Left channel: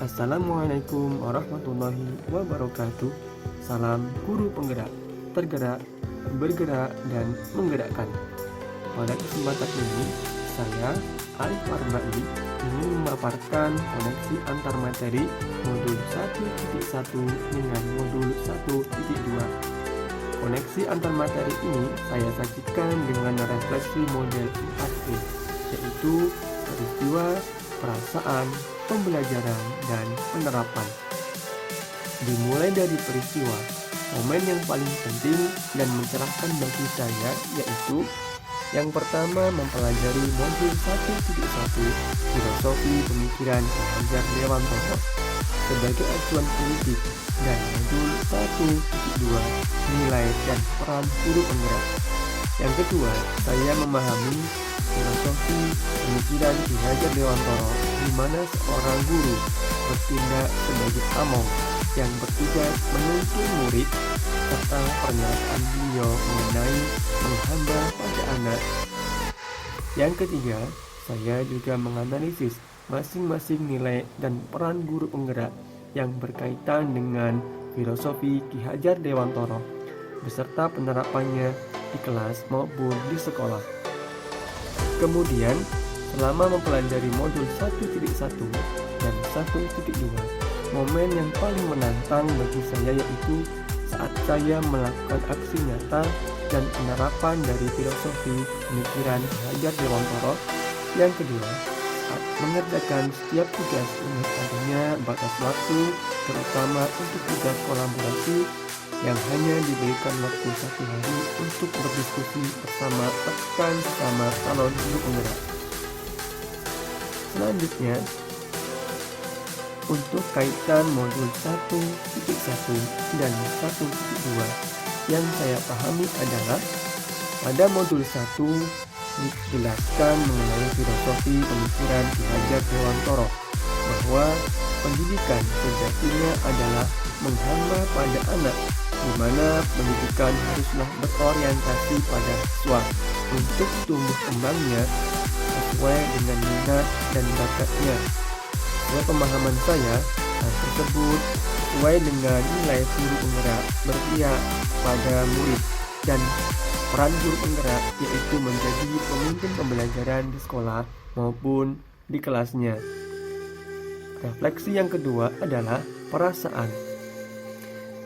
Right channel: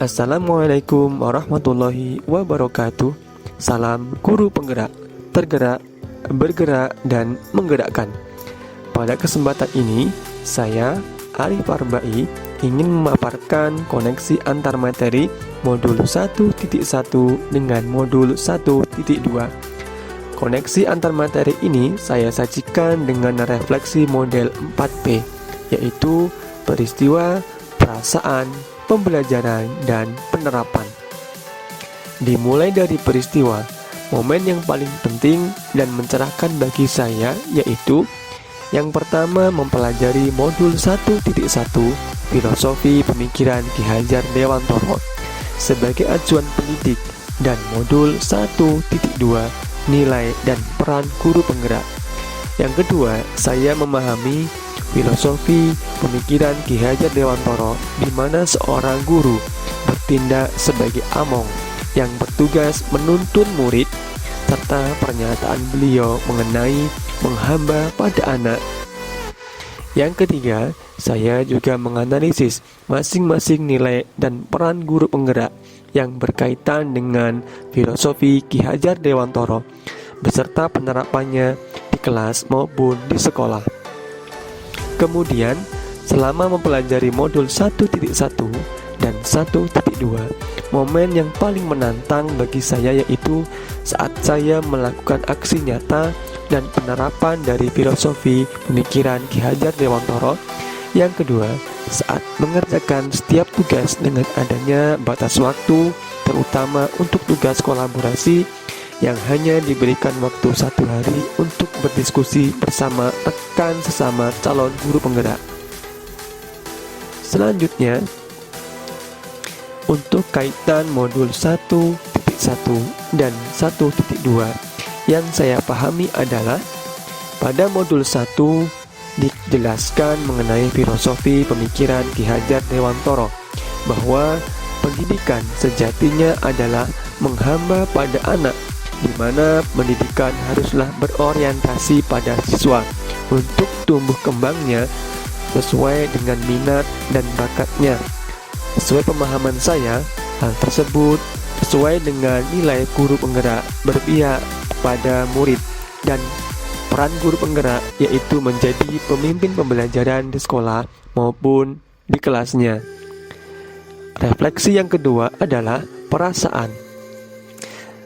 Assalamualaikum warahmatullahi wabarakatuh. Salam guru penggerak, tergerak, bergerak, dan menggerakkan. Pada kesempatan ini, saya, Arif Arba'i, ingin memaparkan koneksi antar materi modul 1.1 dengan modul 1.2. Koneksi antar materi ini saya sajikan dengan refleksi model 4P, yaitu peristiwa, perasaan, pembelajaran, dan penerapan. Dimulai dari peristiwa, momen yang paling penting dan mencerahkan bagi saya yaitu yang pertama mempelajari modul 1.1 Filosofi Pemikiran Ki Hajar Dewantoro sebagai acuan pendidik dan modul 1.2 Nilai dan Peran Guru Penggerak. Yang kedua, saya memahami filosofi pemikiran Ki Hajar Dewantoro di mana seorang guru bertindak sebagai among yang bertugas menuntun murid, serta pernyataan beliau mengenai menghamba pada anak. Yang ketiga, saya juga menganalisis masing-masing nilai dan peran guru penggerak yang berkaitan dengan filosofi Ki Hajar Dewantoro beserta penerapannya di kelas maupun di sekolah. Kemudian, selama mempelajari modul 1.1 dan 1.2, momen yang paling menantang bagi saya yaitu saat saya melakukan aksi nyata dan penerapan dari filosofi pemikiran Ki Hajar Dewantoro. Yang kedua, saat mengerjakan setiap tugas dengan adanya batas waktu, terutama untuk tugas kolaborasi yang hanya diberikan waktu 1 hari untuk berdiskusi bersama rekan sesama calon guru penggerak. Selanjutnya, untuk kaitan modul 1.1 dan 1.2 yang saya pahami adalah pada modul 1 dijelaskan mengenai filosofi pemikiran Ki Hajar Dewantoro bahwa pendidikan sejatinya adalah menghamba pada anak, di mana pendidikan haruslah berorientasi pada siswa untuk tumbuh kembangnya sesuai dengan minat dan bakatnya. Sesuai pemahaman saya, hal tersebut sesuai dengan nilai guru penggerak berpihak pada murid dan peran guru penggerak yaitu menjadi pemimpin pembelajaran di sekolah maupun di kelasnya. Refleksi yang kedua adalah perasaan.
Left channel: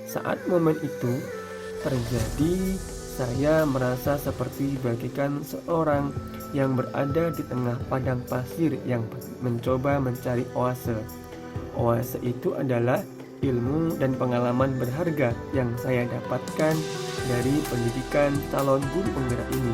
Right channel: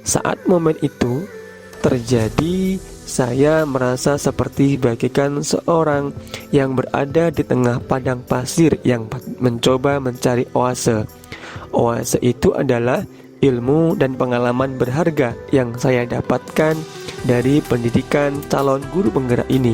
Saat momen itu terjadi, saya merasa seperti bagaikan seorang yang berada di tengah padang pasir yang mencoba mencari oase. Oase itu adalah ilmu dan pengalaman berharga yang saya dapatkan dari pendidikan calon guru penggerak ini.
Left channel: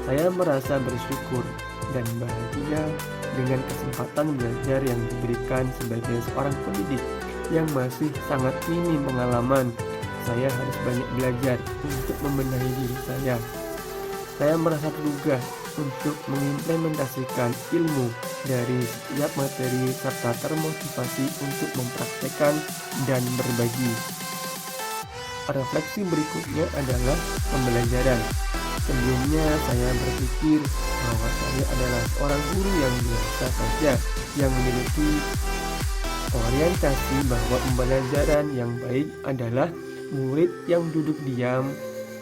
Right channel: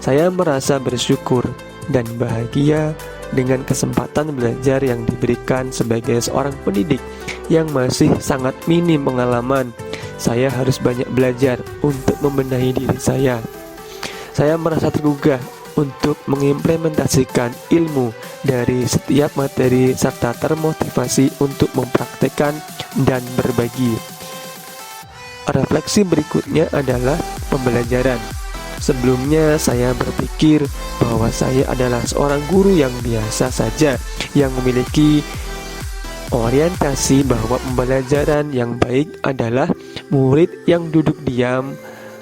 Saya merasa bersyukur dan bahagia dengan kesempatan belajar yang diberikan sebagai seorang pendidik yang masih sangat minim pengalaman. Saya harus banyak belajar untuk membenahi diri saya. Saya merasa tergugah untuk mengimplementasikan ilmu dari setiap materi serta termotivasi untuk mempraktekkan dan berbagi. Refleksi berikutnya adalah pembelajaran. Sebelumnya saya berpikir bahwa saya adalah seorang guru yang biasa saja yang memiliki orientasi bahwa pembelajaran yang baik adalah murid yang duduk diam,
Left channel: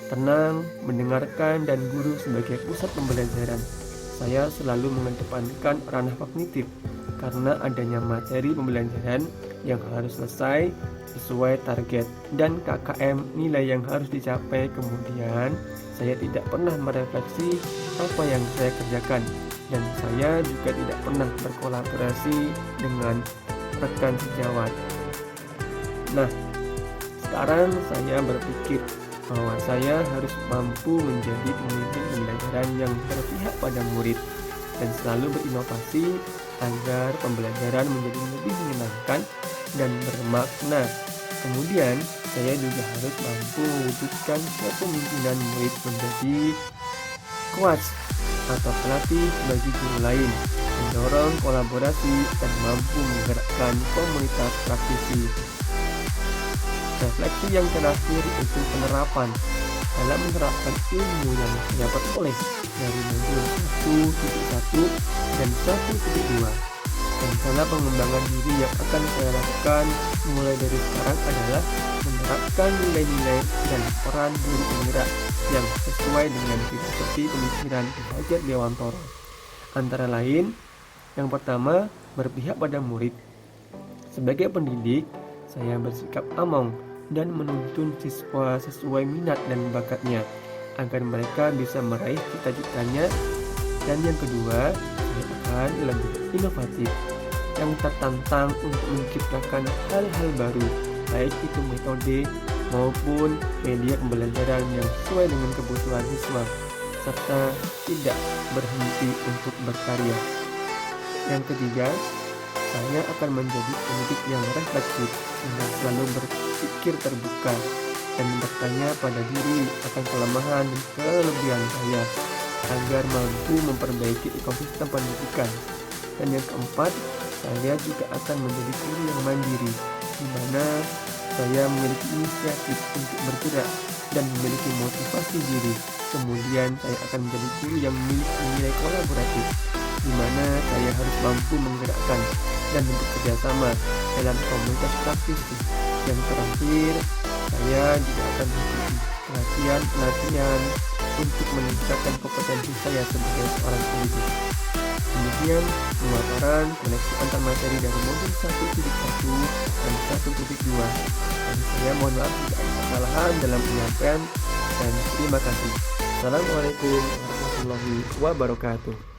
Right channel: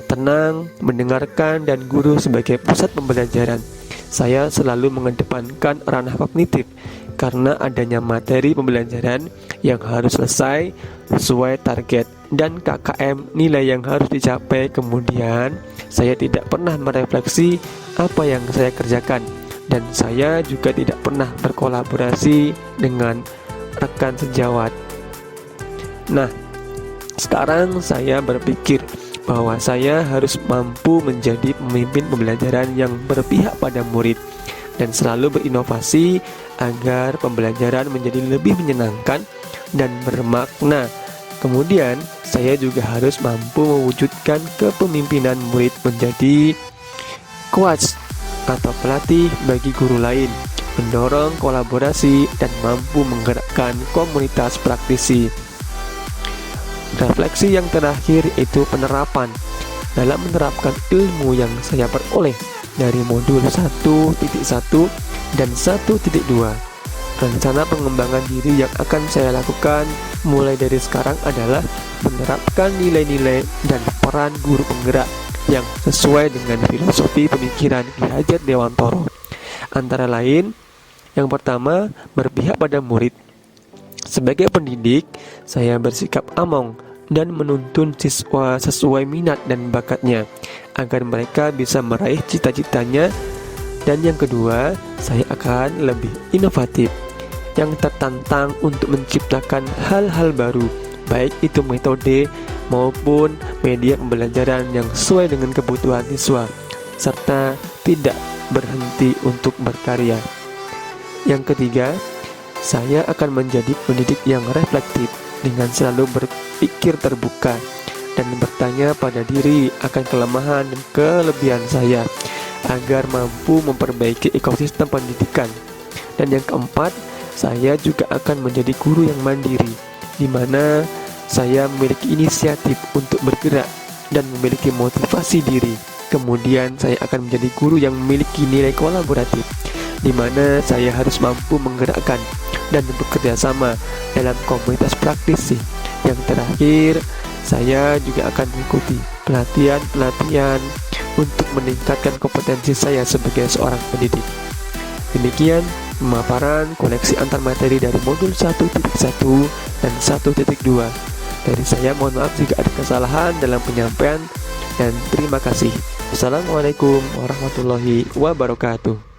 tenang, mendengarkan, dan guru sebagai pusat pembelajaran. Saya selalu mengedepankan ranah kognitif karena adanya materi pembelajaran yang harus selesai sesuai target dan KKM nilai yang harus dicapai. Kemudian saya tidak pernah merefleksi apa yang saya kerjakan, dan saya juga tidak pernah berkolaborasi dengan rekan sejawat. Nah, sekarang saya berpikir bahwa saya harus mampu menjadi pemimpin pembelajaran yang berpihak pada murid dan selalu berinovasi agar pembelajaran menjadi lebih menyenangkan dan bermakna. Kemudian, saya juga harus mampu mewujudkan kepemimpinan murid menjadi coach atau pelatih bagi guru lain, mendorong kolaborasi, dan mampu menggerakkan komunitas praktisi. Refleksi yang terakhir itu penerapan. Dalam menerapkan ilmu yang saya peroleh dari modul 1.1 dan 1.2, Rencana pengembangan diri yang akan saya lakukan mulai dari sekarang adalah menerapkan nilai-nilai dan peran guru penggerak yang sesuai dengan filosofi pemikiran Ki Hajar Dewantoro. Antara lain, yang pertama, berpihak pada murid. Sebagai pendidik, saya bersikap among dan menuntun siswa sesuai minat dan bakatnya agar mereka bisa meraih cita-citanya. Dan yang kedua, saya akan lebih inovatif, yang tertantang untuk menciptakan hal-hal baru, baik itu metode maupun media pembelajaran yang sesuai dengan kebutuhan siswa, serta tidak berhenti untuk berkarya. Yang ketiga, saya akan menjadi pendidik yang reflektif dengan selalu berpikir terbuka dan bertanya pada diri akan kelemahan dan kelebihan saya agar mampu memperbaiki ekosistem pendidikan. Dan yang keempat, saya juga akan menjadi guru yang mandiri, di mana saya memiliki inisiatif untuk bergerak dan memiliki motivasi diri. Kemudian saya akan menjadi guru yang memiliki nilai kolaboratif, di mana saya harus mampu menggerakkan dan bekerja sama dalam komunitas praktisi. Yang terakhir, saya juga akan mengikuti pelatihan-pelatihan untuk meningkatkan kompetensi saya sebagai seorang pendidik. Demikian pemaparan koneksi antar materi dari modul 1.1 dan 1.2. Dari saya mohon maaf jika ada kesalahan dalam penyampaian, dan terima kasih. Assalamualaikum warahmatullahi wabarakatuh.